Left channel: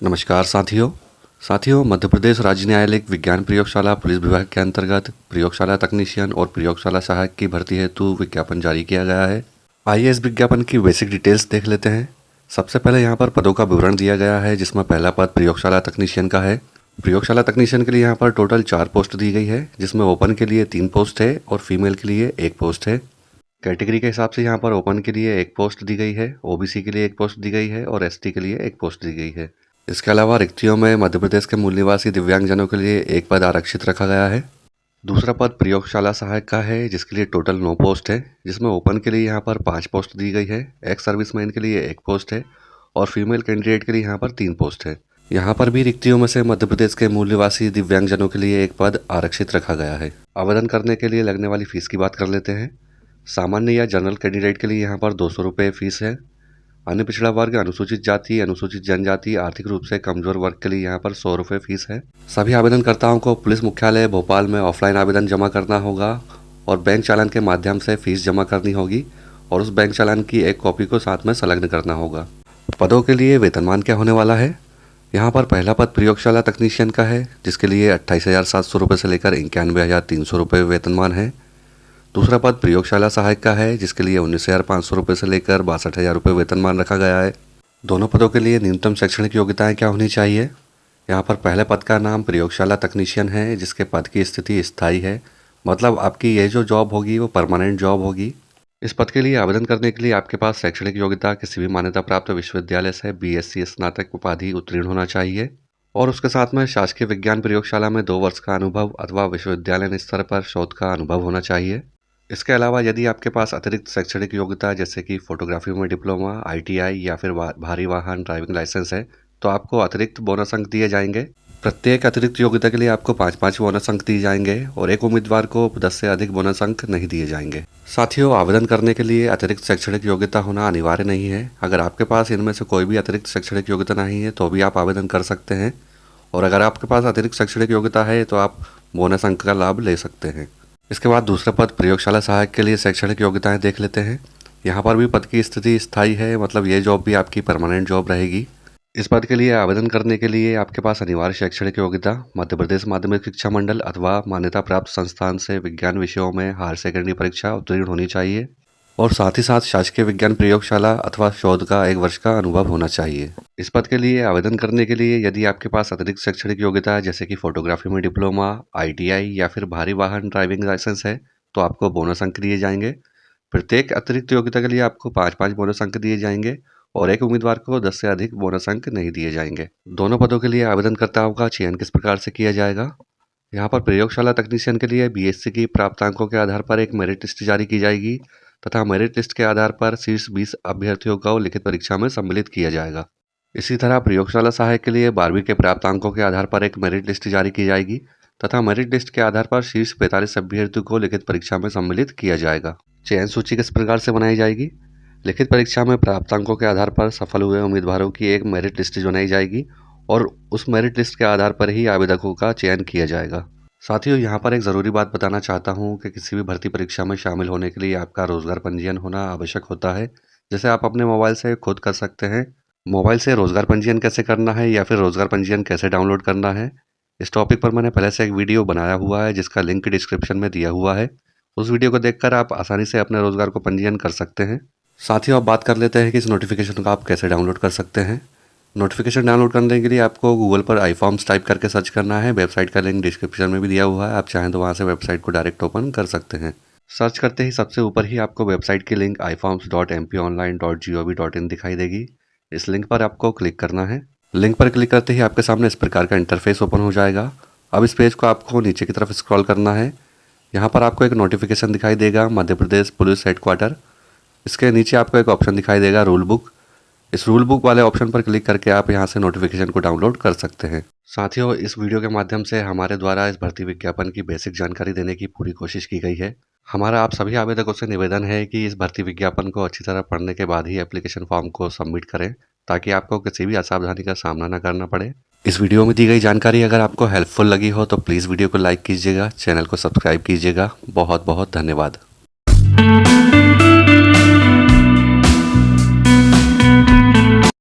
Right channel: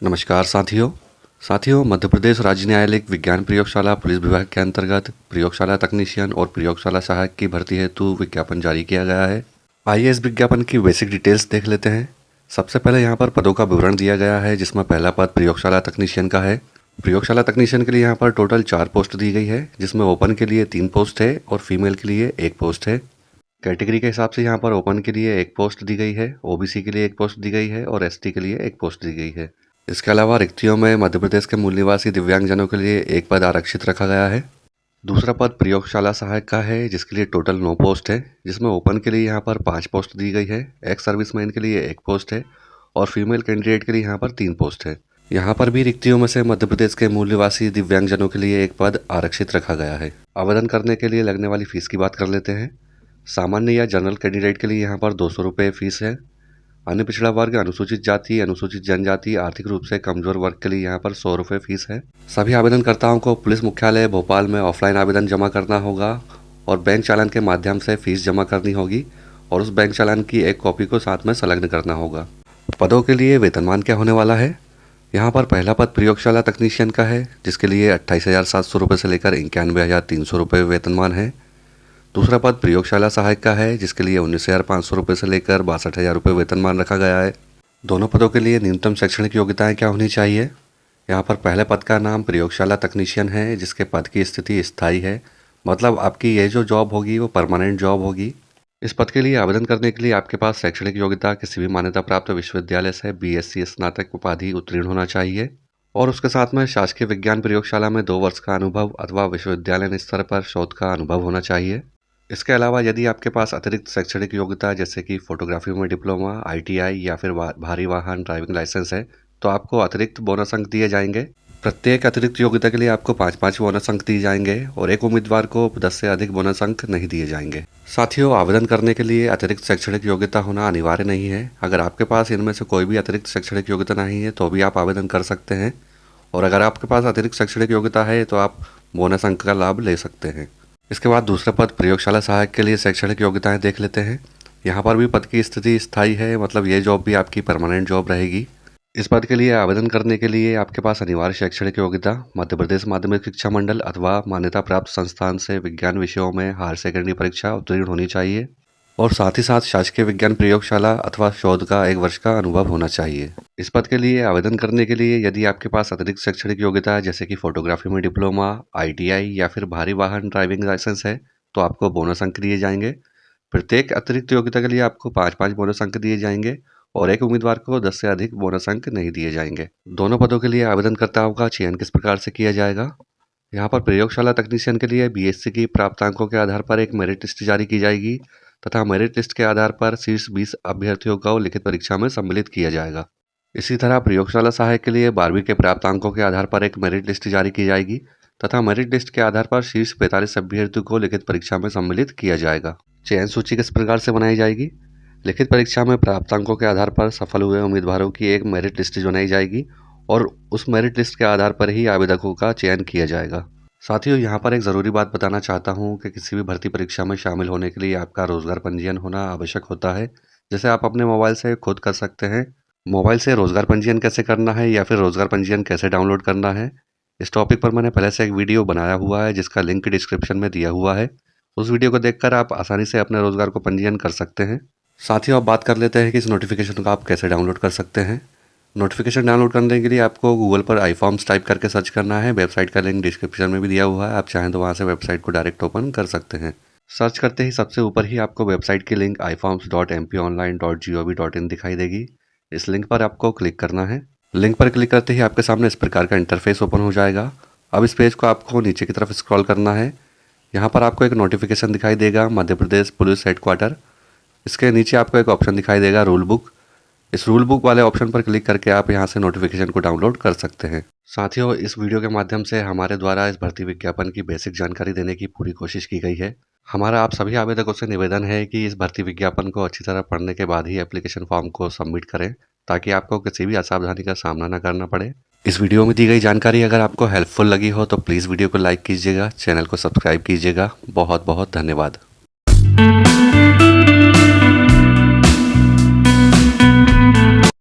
नमस्कार साथियों मध्य प्रदेश राज्य न्यायालय विज्ञान प्रयोगशाला पुलिस विभाग के अंतर्गत प्रयोगशाला तकनीशियन और प्रयोगशाला सहायक की भर्ती हेतु विज्ञापन जारी किया गया है। आइए इस विज्ञापन की बेसिक डिटेल्स देख लेते हैं। सबसे पहले यहाँ पर पदों का विवरण दिया गया है, जिसमें पहला पद प्रयोगशाला तकनीशियन का है। प्रयोगशाला तकनीशियन के लिए यहाँ पर टोटल 4 पोस्ट दी गई है, जिसमें ओपन के लिए 3 पोस्ट है और फीमेल के लिए 1 पोस्ट है। कैटेगरी के हिसाब से यहाँ पर ओपन के लिए 1 पोस्ट दी गई है, ओबीसी के लिए 1 पोस्ट दी गई है और एसटी के लिए 1 पोस्ट दी गई है। इसके अलावा रिक्तियों में मध्य प्रदेश के मूल निवासी दिव्यांगजनों के लिए 1 पद आरक्षित रखा गया है। दूसरा पद प्रयोगशाला सहायक का है, जिसके लिए टोटल 9 पोस्ट है, जिसमें ओपन के लिए यहाँ पर 5 पोस्ट दी गई है, एक्स सर्विसमैन के लिए 1 पोस्ट है और फीमेल कैंडिडेट के लिए यहाँ पर 3 पोस्ट है। यहाँ पर भी रिक्तियों में से मध्य प्रदेश के मूल निवासी दिव्यांगजनों के लिए 1 पद आरक्षित रखा गया है। आवेदन करने के लिए लगने वाली फीस की बात कर लेते हैं। सामान्य या जनरल कैंडिडेट के लिए यहाँ पर 200 रुपये फीस है। अन्य पिछड़ा वर्ग, अनुसूचित जाति, अनुसूचित जनजाति, आर्थिक रूप से कमजोर वर्ग के लिए यहाँ पर 100 रुपये फीस है। सभी आवेदनकर्ताओं को पुलिस मुख्यालय भोपाल में ऑफलाइन आवेदन जमा करना होगा और बैंक चालान के माध्यम से फीस जमा करनी होगी और उस बैंक चालान की एक कॉपी को साथ में संलग्न करना होगा। पदों के लिए वेतनमान क्या होने वाला है? यहाँ पर पहला पद प्रयोगशाला तकनीशियन का है, जिसके लिए 28,700 रुपये से लेकर 91,300 रुपये वेतनमान है। दूसरा पद प्रयोगशाला सहायक का है, जिसके लिए 19,500 रुपये से लेकर 62,000 रुपये वेतनमान रखा गया है। दोनों पदों के लिए न्यूनतम शैक्षणिक योग्यताएं क्या होनी चाहिए? यहाँ पर पहले पद का नाम प्रयोगशाला तकनीशियन है, जिसके पद की स्थिति स्थायी है, मतलब आपकी ये जो जॉब होगी वो परमानेंट जॉब होगी। इस पद के लिए आवेदन करने के लिए आपके पास शैक्षणिक योग्यता किसी भी मान्यता प्राप्त विश्वविद्यालय से BSc स्नातक उपाधि उत्तीर्ण होना चाहिए और उसके साथ में शासकीय विज्ञान प्रयोगशाला में 2 वर्ष का अनुभव अथवा विश्वविद्यालय स्तर पर शोध का अनुभव होना चाहिए। इसके अलावा यदि आपके पास अतिरिक्त शैक्षणिक योग्यता जैसे कि फोटोग्राफी में डिप्लोमा, ITI या फिर भारी वाहन ड्राइविंग लाइसेंस है, तो आपको अतिरिक्त बोनस अंक दिए जाएंगे। प्रत्येक अतिरिक्त योग्यता के लिए आपको 5-5 बोनस अंक दिए जाएंगे और एक उम्मीदवार को 10 से अधिक बोनस अंक नहीं दिए जाएंगे। साथियों, आवेदन करने के लिए अतिरिक्त शैक्षणिक योग्यता होना अनिवार्य नहीं है। अगर आपके पास इनमें से कोई भी अतिरिक्त शैक्षणिक योग्यता नहीं है तो भी आप आवेदन कर सकते हैं और अगर आपके पास अतिरिक्त शैक्षणिक योग्यता है तो आप बोनस अंक का लाभ ले सकते हैं। इसके बाद दूसरा पद प्रयोगशाला सहायक के लिए शैक्षणिक योग्यताएं देख लेते हैं। यहाँ पर भी पद की स्थिति स्थायी है, मतलब ये जॉब भी आपकी परमानेंट जॉब रहेगी। इस पद के लिए आवेदन करने के लिए आपके पास अनिवार्य शैक्षणिक योग्यता मध्य प्रदेश माध्यमिक शिक्षा मंडल अथवा मान्यता प्राप्त संस्थान से विज्ञान विषयों में हायर सेकेंडरी परीक्षा उत्तीर्ण होनी चाहिए और साथ ही साथ शासकीय विज्ञान प्रयोगशाला अथवा शोध का 1 वर्ष का अनुभव होना चाहिए। इस पद के लिए आवेदन करने के लिए यदि आपके पास अतिरिक्त शैक्षणिक योग्यता जैसे कि फोटोग्राफी में डिप्लोमा, ITI या फिर भारी वाहन ड्राइविंग लाइसेंस है तो आपको बोनस अंक दिए जाएंगे। प्रत्येक अतिरिक्त योग्यता के लिए आपको 5-5 बोनस अंक दिए जाएंगे और एक उम्मीदवार को 10 से अधिक बोनस अंक नहीं दिए जाएंगे। दोनों पदों के लिए आवेदनकर्ताओं का चयन किस प्रकार से किया जाएगा? यहाँ पर प्रयोगशाला तकनीशियन के लिए BSc की प्राप्तांकों के आधार पर एक मेरिट लिस्ट जारी की जाएगी तथा मेरिट लिस्ट के आधार पर शीर्ष 20 अभ्यर्थियों को लिखित परीक्षा में सम्मिलित किया जाएगा। इसी तरह प्रयोगशाला सहायक के लिए 12वीं के प्राप्तांकों के आधार पर एक मेरिट लिस्ट जारी की जाएगी तथा मेरिट लिस्ट के आधार पर शीर्ष 45 अभ्यर्थियों को लिखित परीक्षा में सम्मिलित किया जाएगा। चयन सूची किस प्रकार से बनाई जाएगी? लिखित परीक्षा में प्राप्तांकों के आधार पर सफल हुए उम्मीदवारों की एक मेरिट लिस्ट बनाई जाएगी और उस मेरिट लिस्ट के आधार पर ही आवेदकों का चयन किया जाएगा। साथियों, यहाँ पर एक ज़रूरी बात बताना चाहता हूँ कि किसी भी भर्ती परीक्षा में शामिल होने के लिए आपका रोजगार पंजीयन होना आवश्यक होता है, जिसे आप अपने मोबाइल से खुद कर सकते हैं। मोबाइल से रोजगार पंजीयन कैसे करना है या फिर रोजगार पंजीयन कैसे डाउनलोड करना है, इस टॉपिक पर मैंने पहले से एक वीडियो बनाया हुआ है जिसका लिंक डिस्क्रिप्शन में दिया हुआ है। उस वीडियो को देखकर आप आसानी से अपने रोजगार को पंजीयन कर सकते हैं। साथियों, अब बात कर लेते हैं कि इस नोटिफिकेशन को आप कैसे डाउनलोड कर सकते हैं। नोटिफिकेशन डाउनलोड करने के लिए आपको गूगल पर iForms टाइप करके सर्च करना है। वेबसाइट का लिंक डिस्क्रिप्शन में भी दिया हुआ है, आप चाहें तो वहाँ से वेबसाइट को डायरेक्ट ओपन कर सकते हैं। सर्च करते ही सबसे ऊपर ही आपको वेबसाइट की लिंक iforms.mponline.gov.in दिखाई देगी। इस लिंक पर आपको क्लिक करना है। लिंक पर क्लिक करते ही आपके सामने इस प्रकार का इंटरफेस ओपन हो जाएगा। अब इस पेज को आपको नीचे की तरफ स्क्रॉल करना है। यहाँ पर आपको एक नोटिफिकेशन दिखाई देगा, मध्य प्रदेश पुलिस हेडक्वार्टर। इसके नीचे आपको एक ऑप्शन दिखाई देगा, रूल बुक। इस रूल बुक वाले ऑप्शन पर क्लिक करके आप यहाँ से नोटिफिकेशन को डाउनलोड कर सकते हैं। साथियों, इस वीडियो के माध्यम से हमारे द्वारा इस भर्ती विज्ञापन की बेसिक जानकारी देने की पूरी कोशिश की गई है। हमारा आप सभी आवेदकों से निवेदन है कि इस भर्ती विज्ञापन को अच्छी तरह पढ़ने के बाद ही एप्लीकेशन फॉर्म को सबमिट करें, ताकि आपको किसी भी असावधानी का सामना न करना पड़े। इस वीडियो में दी गई जानकारी अगर आपको हेल्पफुल लगी हो तो प्लीज़ वीडियो को लाइक कीजिएगा, चैनल को सब्सक्राइब कीजिएगा। बहुत बहुत धन्यवाद।